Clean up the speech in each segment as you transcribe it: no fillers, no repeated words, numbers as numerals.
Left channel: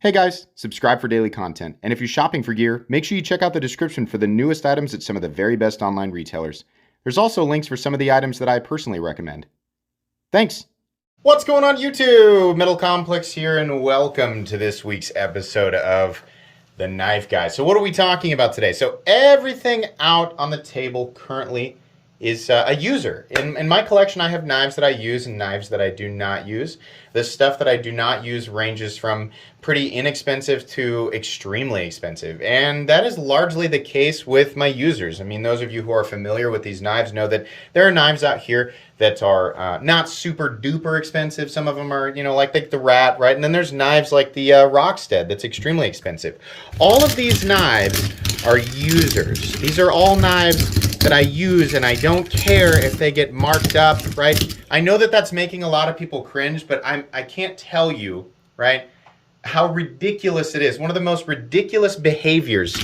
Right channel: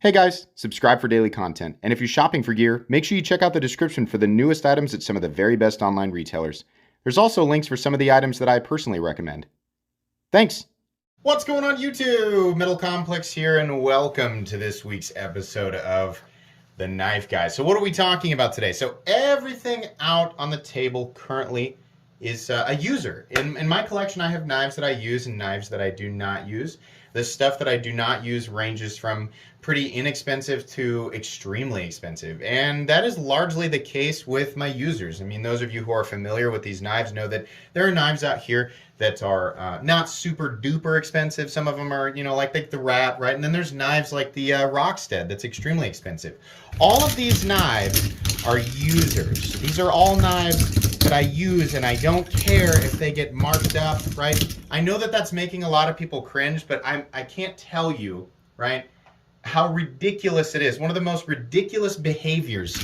Hey guys, subscribe for daily content. And if you're shopping for gear, make sure you check out the description for the newest items at some of the very best online retailers. There's also links for some of the items that I personally recommend. Thanks! What's going on YouTube? Metal Complex here, and welcome to this week's episode of The Knife Guy. So what are we talking about today? So everything out on the table currently is a user. In my collection, I have knives that I use and knives that I do not use. The stuff that I do not use ranges from pretty inexpensive to extremely expensive. And that is largely the case with my users. I mean, those of you who are familiar with these knives know that there are knives out here that are not super duper expensive. Some of them are, you know, like the Rat, right? And then there's knives like the Rockstead that's extremely expensive. All of these knives are users. These are all knives that I use, and I don't care if they get marked up, right? I know that that's making a lot of people cringe, but I can't tell you, right, how ridiculous it is. One of the most ridiculous behaviors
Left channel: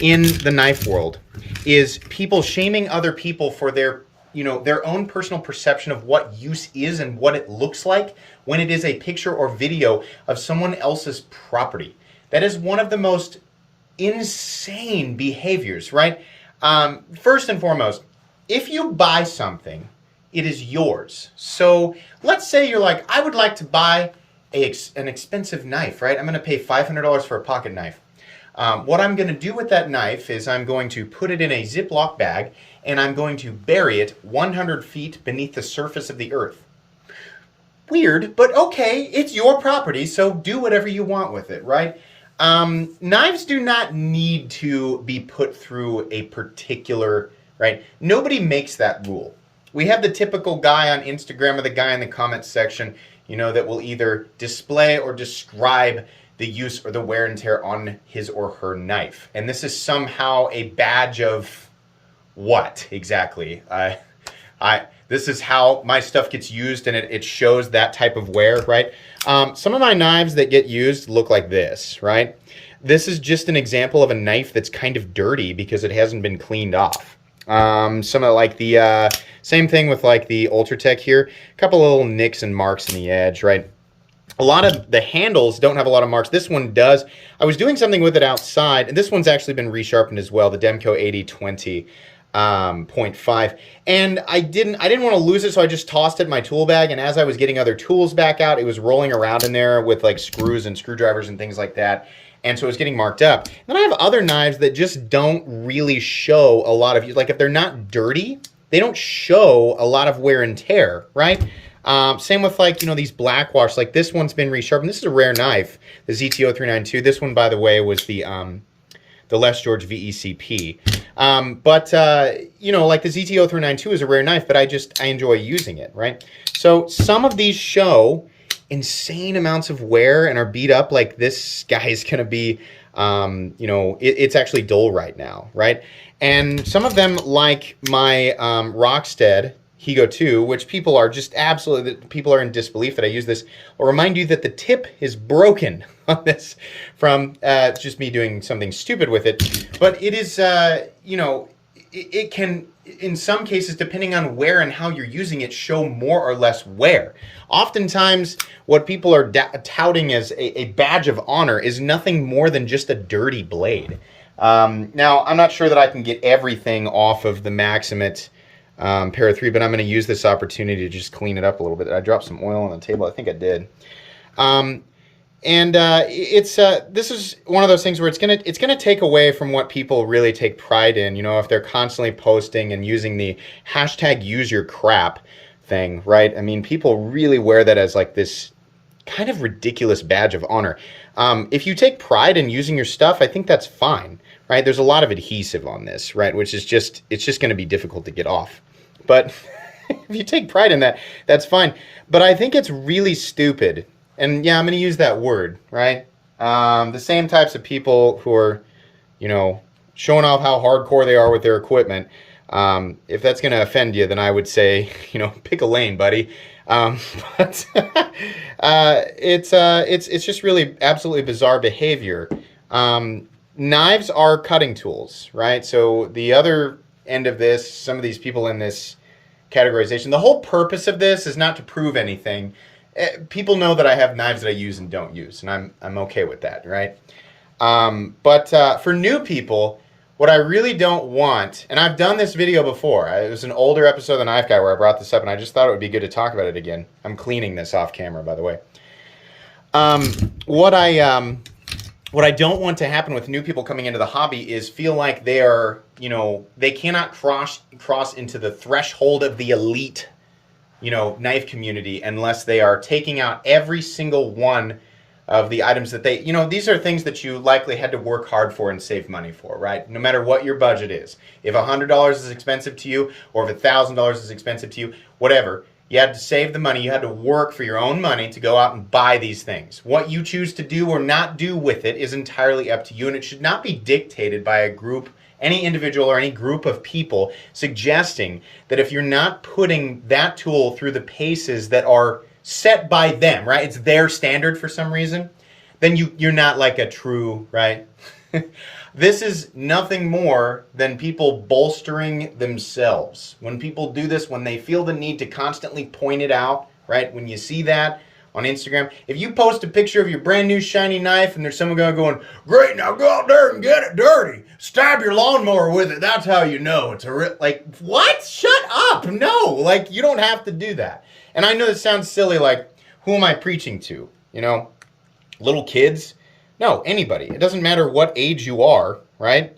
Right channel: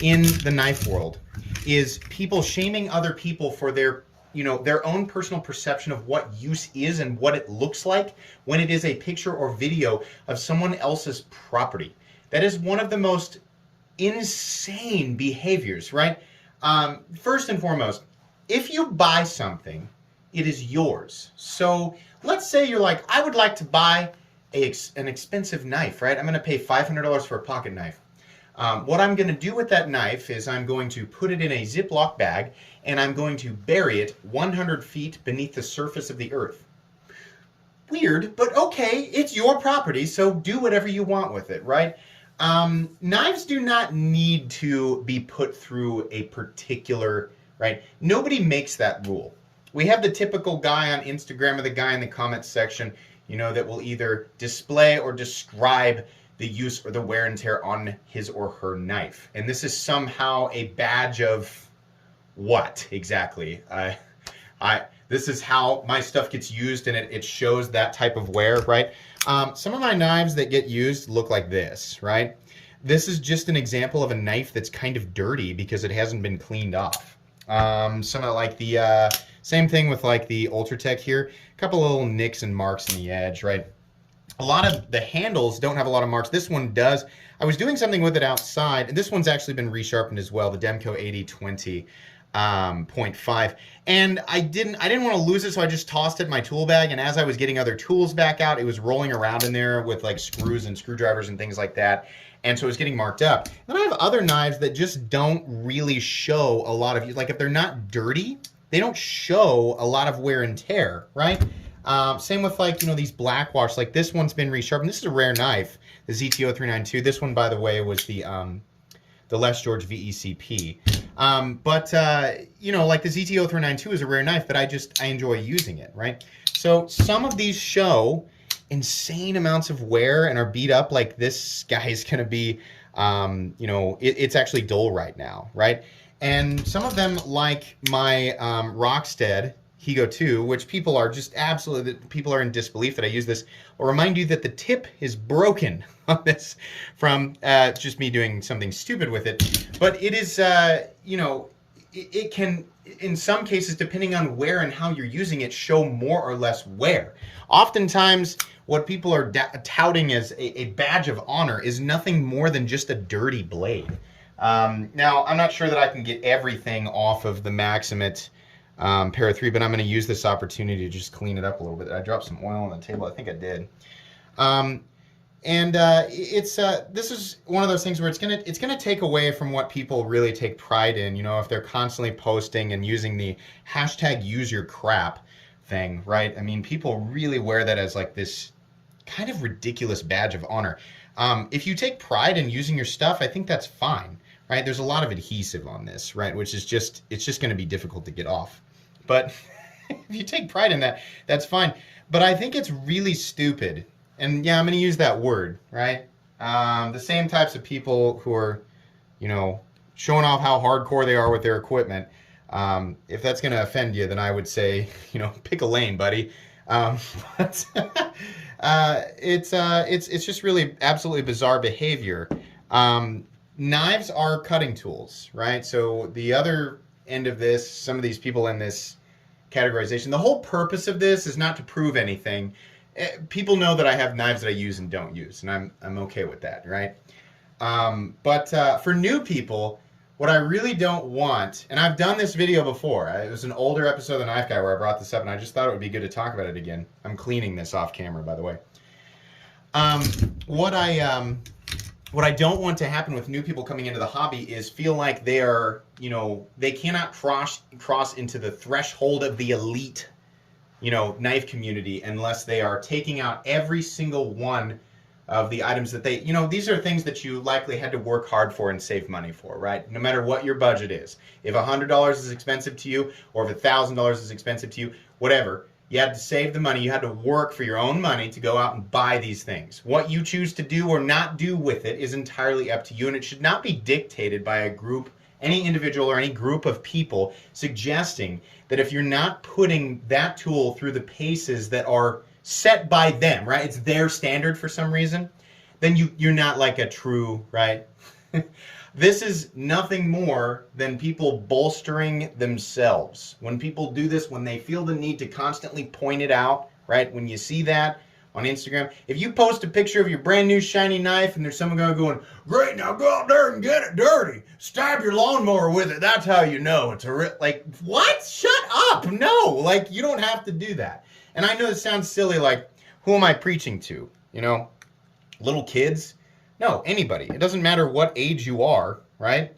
in the knife world is people shaming other people for their, you know, their own personal perception of what use is and what it looks like when it is a picture or video of someone else's property. That is one of the most insane behaviors, right? First and foremost, if you buy something, it is yours. So let's say you're like, I would like to buy an expensive knife, right? I'm going to pay $500 for a pocket knife. What I'm going to do with that knife is I'm going to put it in a Ziploc bag and I'm going to bury it 100 feet beneath the surface of the earth. Weird, but okay, it's your property, so do whatever you want with it, right? Knives do not need to be put through a particular, right? Nobody makes that rule. We have the typical guy on Instagram or the guy in the comments section, you know, that will either display or describe the use or the wear and tear on his or her knife. And this is somehow a badge of what exactly? This is how my stuff gets used, and it shows that type of wear, right? Some of my knives that get used look like this, right? This is just an example of a knife that's kind of dirty because it hasn't been cleaned off. Some of like the, same thing with like the Ultratech here. A couple of little nicks and marks in the edge, right? A lot of the handles don't have a lot of marks. This one does. I was doing something with it outside, and this one's actually been resharpened as well, the Demco 8020. 0.5, and I didn't want to lose it, so I just tossed it in my tool bag, and as I was getting other tools back out, it was rolling around in there with like screws and screwdrivers and things like that, and so it was getting marked up. Then I have other knives that just don't really show a lot of use. Like if they're not dirty, they don't show a lot of wear and tear, right? Same with like, you know, these black wash, like this one's been resharpened. This is a rare knife, the ZTO 392. This one, by the way, was the Les George VECP. You know, like the ZTO 392 is a rare knife, but I enjoy using it, right? So some of these show insane amounts of wear and are beat up. Like this guy is going to be, you know, it's actually dull right now, right? And some of them, like my Rockstead Higo 2, which people are just absolutely, people are in disbelief that I use this. I'll remind you that the tip is broken on this from just me doing something stupid with it. But it is, you know, it can, in some cases, depending on where and how you're using it, show more or less wear. Oftentimes, what people are touting as a badge of honor is nothing more than just a dirty blade. Now, I'm not sure that I can get everything off of the Maximate Para 3, but I'm going to use this opportunity to just clean it up a little bit. I dropped some oil on the table. I think I did. This is one of those things where it's gonna take away from what people really take pride in. You know, if they're constantly posting and using the hashtag use your crap thing, right? I mean, people really wear that as like this kind of ridiculous badge of honor. If you take pride in using your stuff, I think that's fine, right? There's a lot of adhesive on this, right? Which is just, it's just going to be difficult to get off. But if you take pride in that, that's fine. But I think it's really stupid. And yeah, I'm going to use that word, right? The same types of people who are, you know, showing off how hardcore they are with their equipment. If that's going to offend you, then I would say, you know, pick a lane, buddy. But it's just really absolutely bizarre behavior. Knives are cutting tools, right? So the other end of this, some of these people in this categorization, the whole purpose of this is not to prove anything. people know that I have knives that I use and don't use, and I'm okay with that, right? For new people, what I really don't want, and I've done this video before. It was an older episode of The Knife Guy where I brought this up, and I just thought it would be good to talk about it again. I'm cleaning this off camera, by the way. What I don't want to happen with new people coming into the hobby is feel like they are, they cannot cross into the threshold of the elite, knife community unless they are taking out every single one of the items that they, these are things that you likely had to work hard for and save money for, right? No matter what your budget is. If $100 is expensive to you, or if $1,000 is expensive to you, whatever, you had to save the money. You had to work for your own money to go out and buy these things. What you choose to do or not do with it is entirely up to you, and it should not be dictated by a group, any individual or any group of people suggesting that if you're not putting that tool through the paces that are set by them, right? It's their standard for some reason, then you're not like a true, right? This is nothing more than people bolstering themselves. When people do this, when they feel the need to constantly point it out, right? When you see that on Instagram, if you post a picture of your brand new shiny knife and there's someone going, great, now go out there and get it dirty. Stab your lawnmower with it. That's how you know it's like, what? Shut up. No, like you don't have to do that. And I know this sounds silly, like, who am I preaching to? Little kids? No, anybody. It doesn't matter what age you are, right?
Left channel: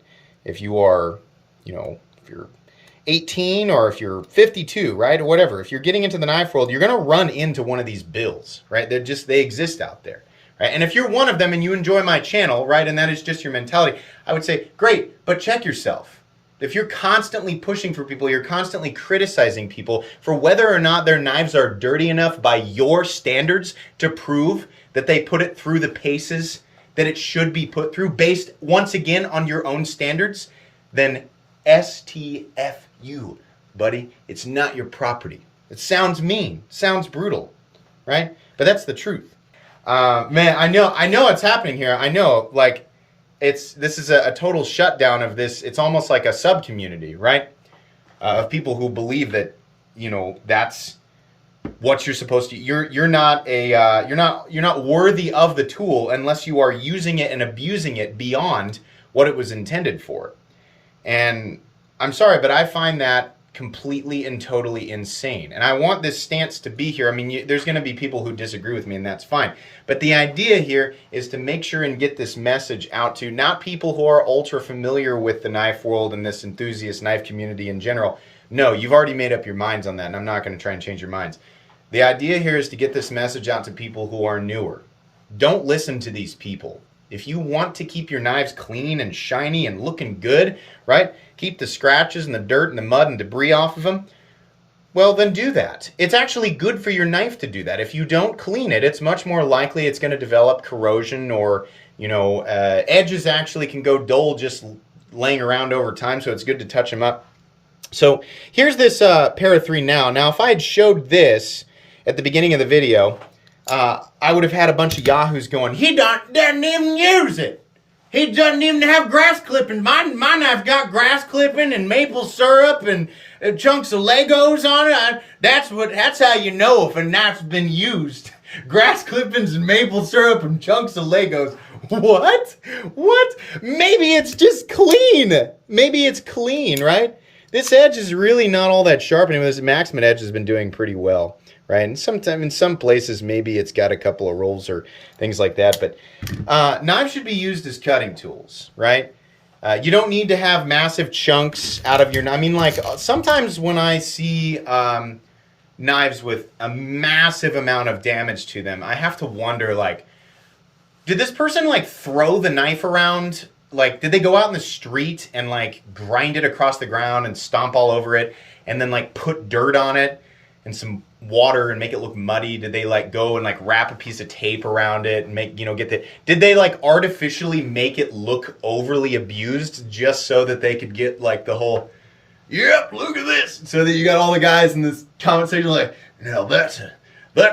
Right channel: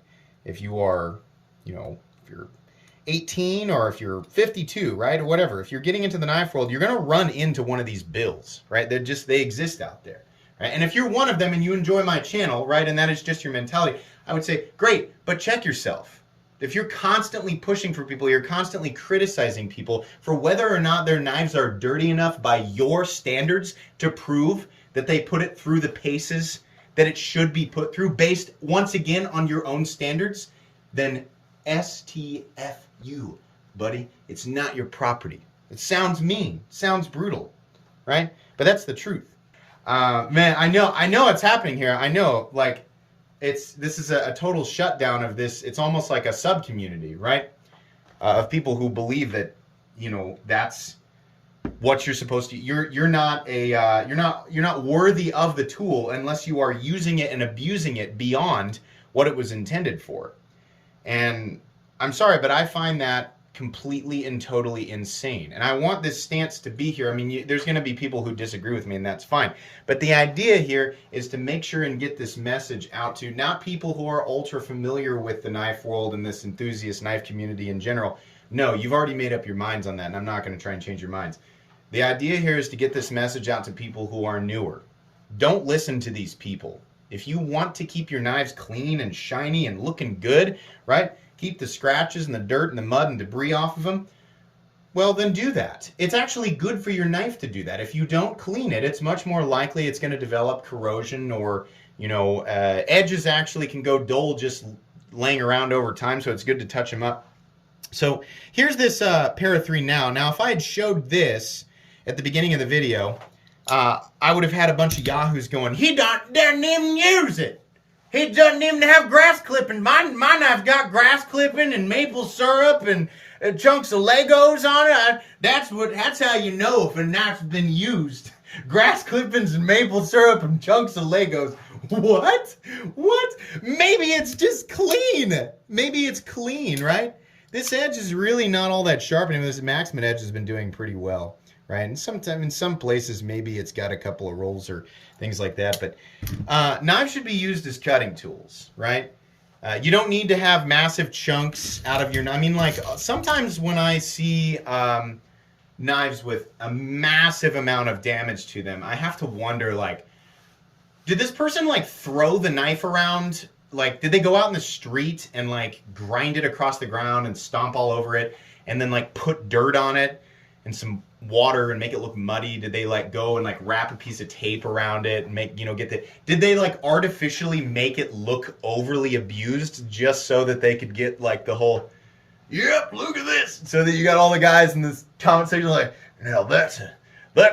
If you are, if you're 18 or if you're 52, right? Or whatever. If you're getting into the knife world, you're going to run into one of these bills, right? They exist out there, right? And if you're one of them and you enjoy my channel, right, and that is just your mentality, I would say, great, but check yourself. If you're constantly pushing for people, you're constantly criticizing people for whether or not their knives are dirty enough by your standards to prove that they put it through the paces that it should be put through based, once again, on your own standards, then STFU, buddy. It's not your property. It sounds mean, sounds brutal, right? But that's the truth. Man, I know it's happening here. I know, like, this is a total shutdown of this. It's almost like a sub-community, right? Of people who believe that, that's what you're supposed to. You're not worthy of the tool unless you are using it and abusing it beyond what it was intended for. And I'm sorry, but I find that completely and totally insane. And I want this stance to be here. I mean, there's going to be people who disagree with me, and that's fine. But the idea here is to make sure and get this message out to not people who are ultra familiar with the knife world and this enthusiast knife community in general. No, you've already made up your minds on that, and I'm not going to try and change your minds. The idea here is to get this message out to people who are newer. Don't listen to these people. If you want to keep your knives clean and shiny and looking good, right? Keep the scratches and the dirt and the mud and debris off of them, well, then do that. It's actually good for your knife to do that. If you don't clean it, it's much more likely it's going to develop corrosion or, edges actually can go dull just laying around over time, so it's good to touch them up. So here's this Para 3 now. Now, if I had showed this at the beginning of the video, I would have had a bunch of yahoos going, he doesn't even use it. He doesn't even have grass clipping. My knife got grass clipping and maple syrup and chunks of Legos on it. That's how you know if a knife's been used. Grass clippings and maple syrup and chunks of Legos. What? What? Maybe it's just clean. Maybe it's clean, right? This edge is really not all that sharp, and this Maximum edge has been doing pretty well, right? And sometimes in some places maybe it's got a couple of rolls or things like that, but knives should be used as cutting tools, right? You don't need to have massive chunks out of your knife. I mean, like, sometimes when I see knives with a massive amount of damage to them, I have to wonder, like, did this person, like, throw the knife around? Like, did they go out in the street and, like, grind it across the ground and stomp all over it and then, like, put dirt on it and some water and make it look muddy? Did they, like, go and, like, wrap a piece of tape around it and make, did they, like, artificially make it look overly abused just so that they could get, like, the whole, yep, look at this, so that you got all the guys in this comment section like, now that's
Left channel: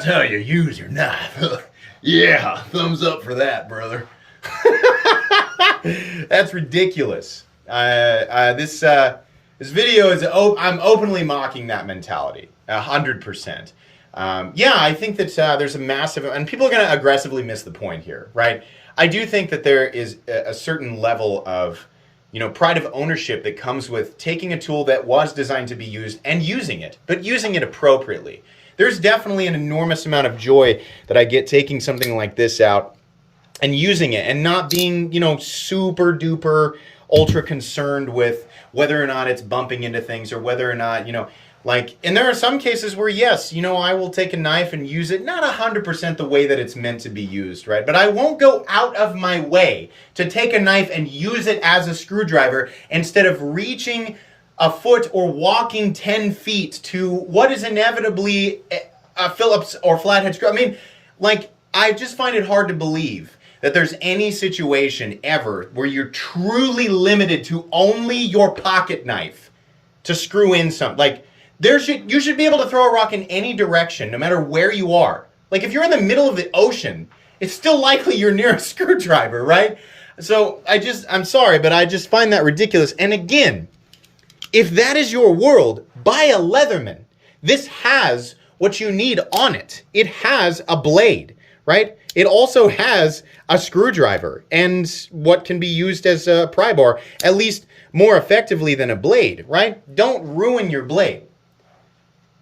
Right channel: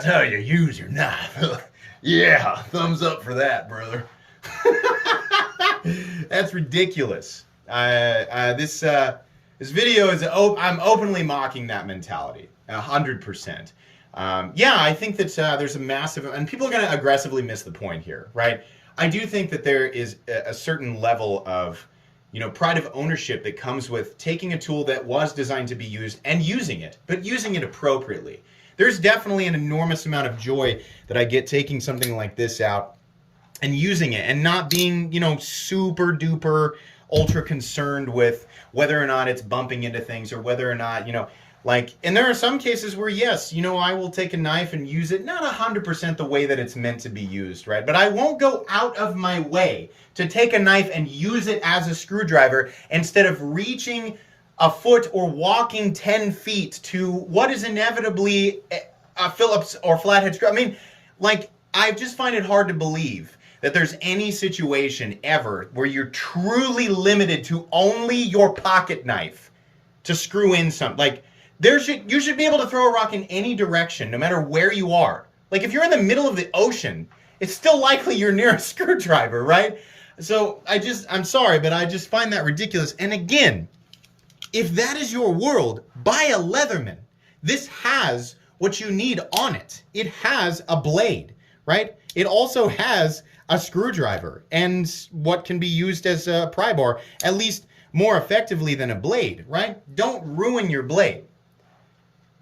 how you use your knife. Yeah, thumbs up for that, brother. That's ridiculous. This video is, I'm openly mocking that mentality, 100%. Yeah, I think that there's a massive, and people are going to aggressively miss the point here, right? I do think that there is a certain level of, pride of ownership that comes with taking a tool that was designed to be used and using it, but using it appropriately. There's definitely an enormous amount of joy that I get taking something like this out and using it and not being, super duper ultra concerned with whether or not it's bumping into things or whether or not, and there are some cases where, yes, I will take a knife and use it, not 100% the way that it's meant to be used, right? But I won't go out of my way to take a knife and use it as a screwdriver instead of reaching a foot or walking 10 feet to what is inevitably a Phillips or flathead screw. I mean, I just find it hard to believe that there's any situation ever where you're truly limited to only your pocket knife to screw in something. You should be able to throw a rock in any direction, no matter where you are. If you're in the middle of the ocean, it's still likely you're near a screwdriver, right? So I'm sorry, but I just find that ridiculous. And again, if that is your world, buy a Leatherman. This has what you need on it. It has a blade, right? It also has a screwdriver and what can be used as a pry bar, at least more effectively than a blade, right? Don't ruin your blade.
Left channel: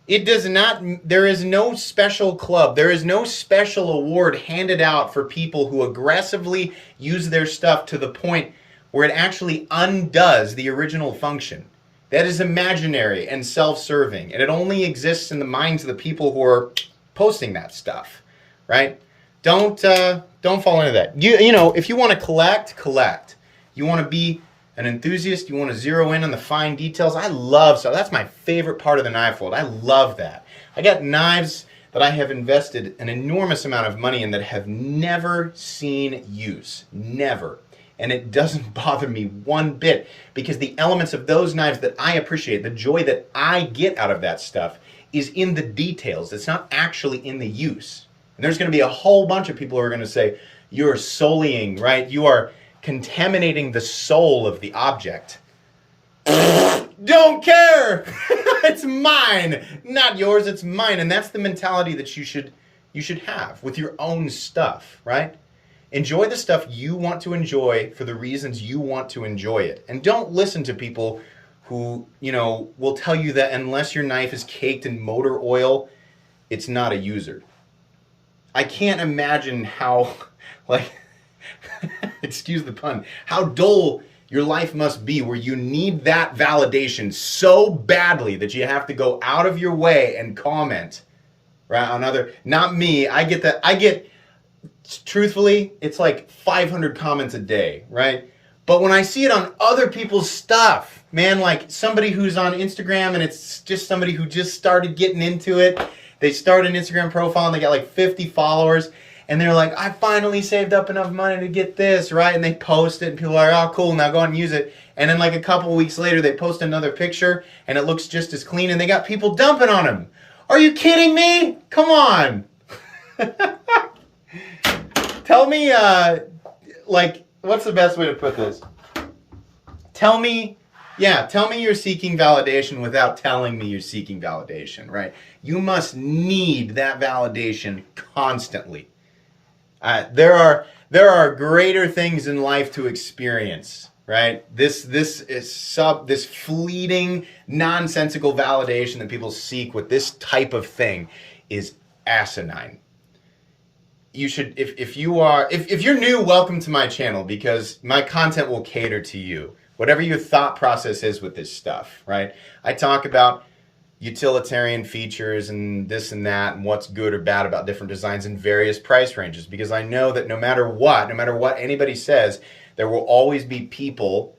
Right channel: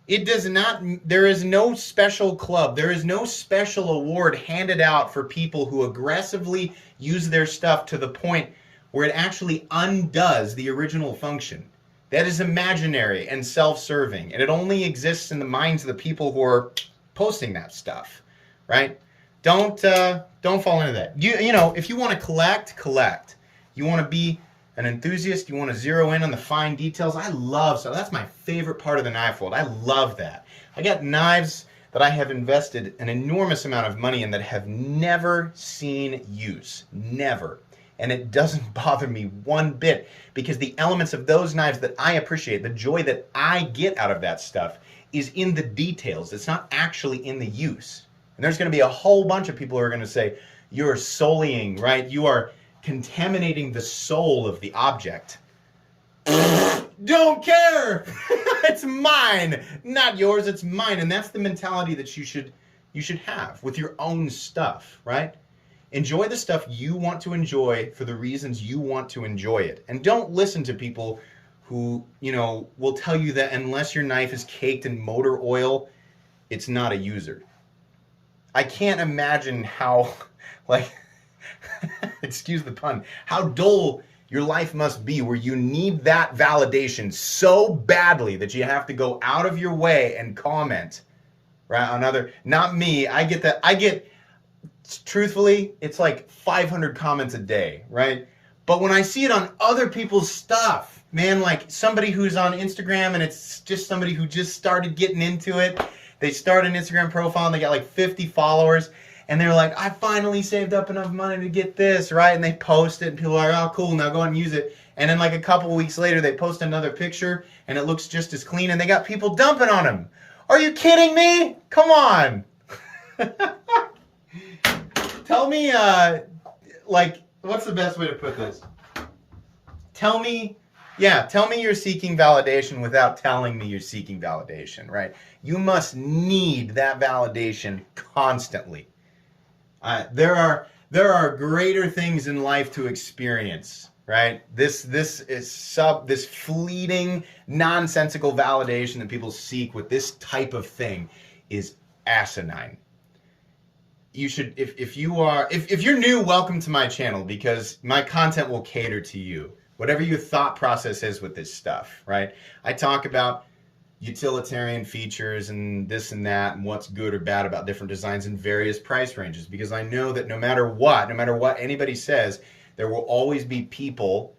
It does not, there is no special club, there is no special award handed out for people who aggressively use their stuff to the point where it actually undoes the original function. That is imaginary and self-serving, and it only exists in the minds of the people who are posting that stuff, right? Don't fall into that. If you want to collect. You want to be an enthusiast, you want to zero in on the fine details. That's my favorite part of the knife world. I love that. I got knives that I have invested an enormous amount of money in that have never seen use. Never. And it doesn't bother me one bit because the elements of those knives that I appreciate, the joy that I get out of that stuff is in the details. It's not actually in the use. And there's going to be a whole bunch of people who are going to say, you're sullying, right? You are contaminating the soul of the object. Don't care. It's mine, not yours. It's mine. And that's the mentality that you should have with your own stuff, right? Enjoy the stuff you want to enjoy for the reasons you want to enjoy it. And don't listen to people who, will tell you that unless your knife is caked in motor oil, it's not a user. I can't imagine how, excuse the pun, how dull your life must be where you need that validation so badly that you have to go out of your way and comment, right, on other, not me, I get that, truthfully, it's 500 comments a day, right? But when I see it on other people's stuff, man, somebody who's on Instagram and it's just somebody who just started getting into it, they start an Instagram profile and they got 50 followers, and they're like, I finally saved up enough money to get this, right? And they post it and people are like, oh, cool, now go and use it. And then a couple of weeks later, they post another picture and it looks just as clean and they got people dumping on them. Are you kidding me? Come on. Tell me, what's the best way to put this? Tell me you're seeking validation without telling me you're seeking validation, right? You must need that validation constantly. There are greater things in life to experience, right? This fleeting, nonsensical validation that people seek with this type of thing is asinine. You should, if you're new, welcome to my channel because my content will cater to you. Whatever your thought process is with this stuff, right? I talk about utilitarian features and this and that and what's good or bad about different designs in various price ranges because I know that no matter what anybody says, there will always be people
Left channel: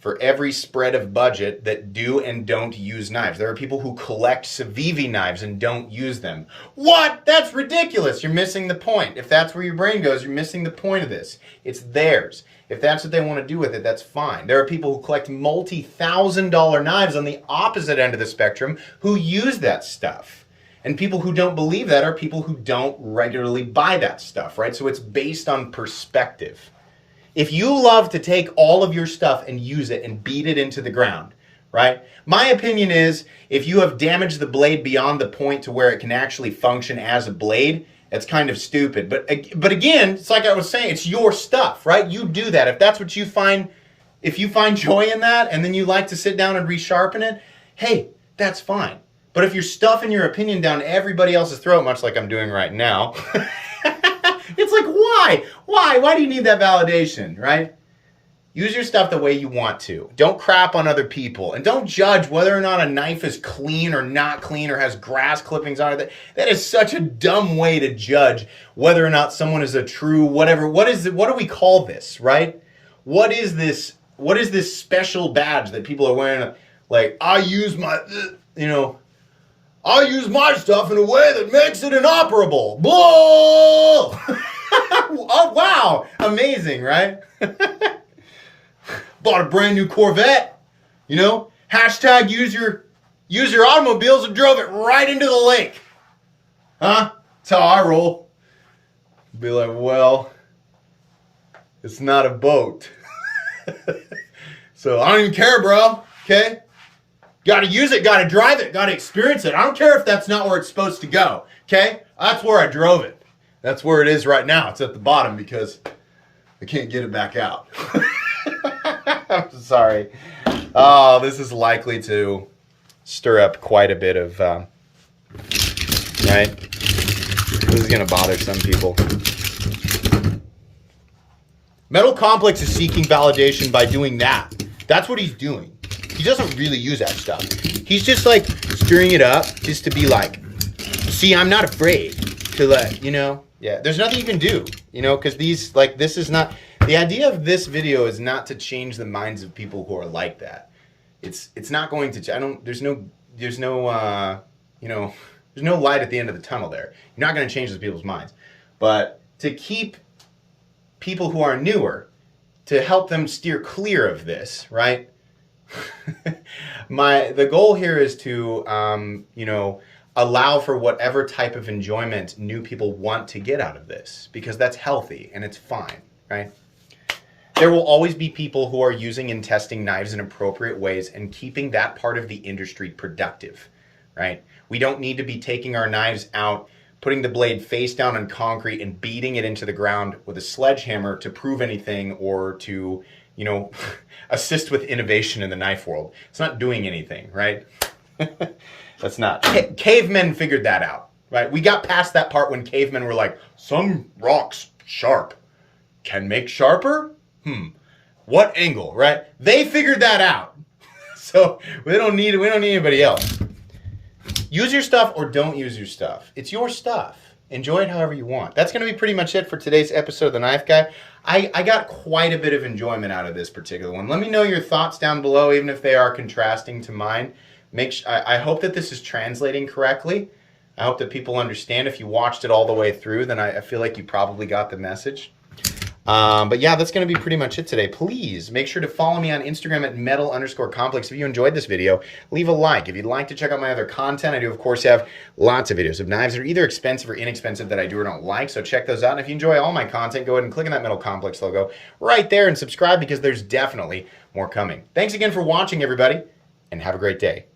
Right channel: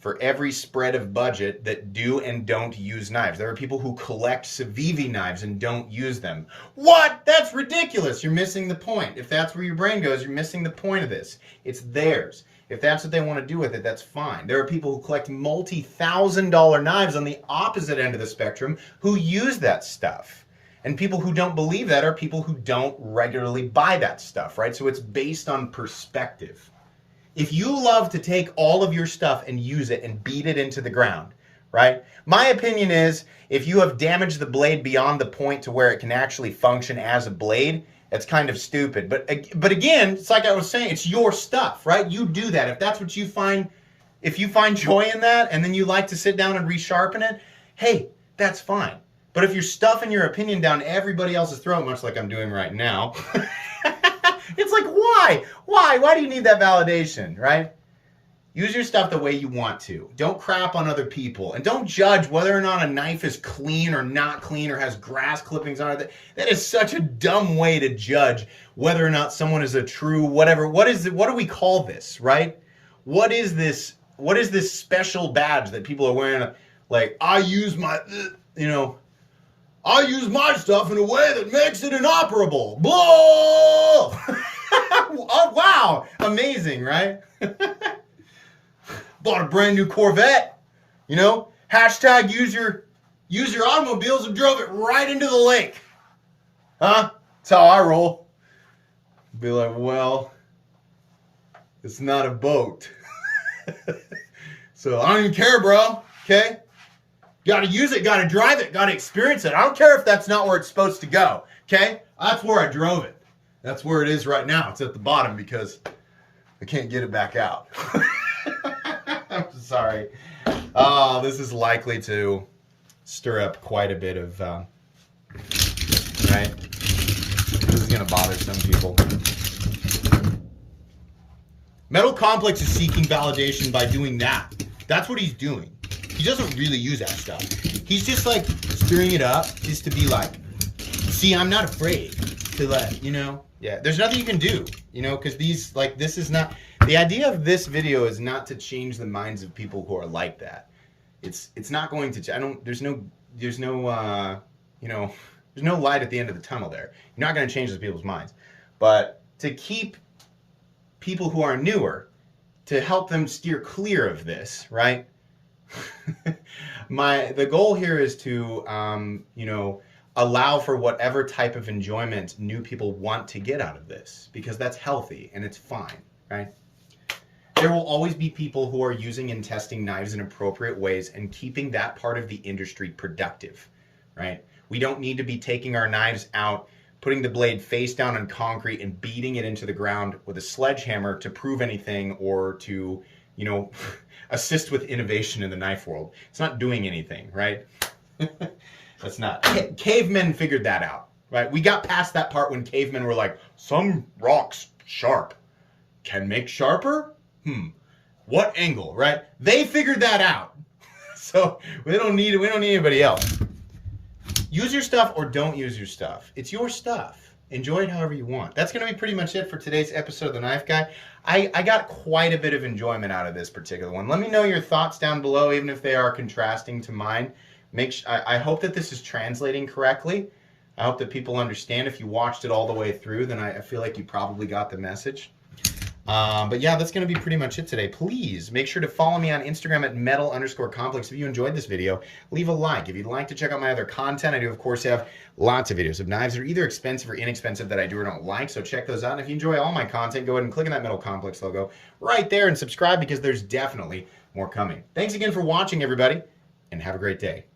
for every spread of budget that do and don't use knives. There are people who collect Civivi knives and don't use them. What? That's ridiculous. You're missing the point. If that's where your brain goes, you're missing the point of this. It's theirs. If that's what they want to do with it, that's fine. There are people who collect multi-$1,000 knives on the opposite end of the spectrum who use that stuff. And people who don't believe that are people who don't regularly buy that stuff, right? So it's based on perspective. If you love to take all of your stuff and use it and beat it into the ground, right? My opinion is if you have damaged the blade beyond the point to where it can actually function as a blade, it's kind of stupid. But again, it's like I was saying, it's your stuff, right? You do that. If that's what you find, if you find joy in that and then you like to sit down and resharpen it, hey, that's fine. But if you're stuffing your opinion down everybody else's throat, much like I'm doing right now, it's like, why? Why do you need that validation, right? Use your stuff the way you want to. Don't crap on other people. And don't judge whether or not a knife is clean or not clean or has grass clippings on it. That is such a dumb way to judge whether or not someone is a true whatever. What do we call this, right? What is this special badge that people are wearing? Like, I use my, I use my stuff in a way that makes it inoperable. Blah! Oh, wow. Amazing, right? Bought a brand new Corvette, hashtag use your automobiles and drove it right into the lake. Huh? That's how I roll. Be like, well, it's not a boat. So I don't even care, bro. Okay? Got to use it, got to drive it, got to experience it. I don't care if that's not where it's supposed to go. Okay? That's where I drove it. That's where it is right now. It's at the bottom because I can't get it back out. I'm sorry. Oh, this is likely to stir up quite a bit of, right? This is going to bother some people. Metal Complex is seeking validation by doing that. That's what he's doing. He doesn't really use that stuff. He's just like stirring it up just to be like, see, I'm not afraid to let, yeah, there's nothing you can do, because this is not, the idea of this video is not to change the minds of people who are like that. It's not going to, there's no light at the end of the tunnel there. You're not going to change those people's minds. But to keep people who are newer, to help them steer clear of this, right? The goal here is to, allow for whatever type of enjoyment new people want to get out of this, because that's healthy and it's fine, right? There will always be people who are using and testing knives in appropriate ways and keeping that part of the industry productive, right? We don't need to be taking our knives out, putting the blade face down on concrete and beating it into the ground with a sledgehammer to prove anything or to, assist with innovation in the knife world. It's not doing anything, right? That's not. Cavemen figured that out, right? We got past that part when cavemen were like, some rocks sharp can make sharper? What angle, right? They figured that out. So we don't need anybody else. Use your stuff or don't use your stuff. It's your stuff. Enjoy it however you want. That's going to be pretty much it for today's episode of The Knife Guy. I got quite a bit of enjoyment out of this particular one. Let me know your thoughts down below, even if they are contrasting to mine. I hope that this is translating correctly. I hope that people understand. If you watched it all the way through, then I feel like you probably got the message. But yeah, that's going to be pretty much it today. Please make sure to follow me on Instagram at metal_complex. If you enjoyed this video, leave a like. If you'd like to check out my other content, I do, of course, have lots of videos of knives that are either expensive or inexpensive that I do or don't like. So check those out. And if you enjoy all my content, go ahead and click on that Metal Complex logo right there and subscribe, because there's definitely more coming. Thanks again for watching, everybody, and have a great day.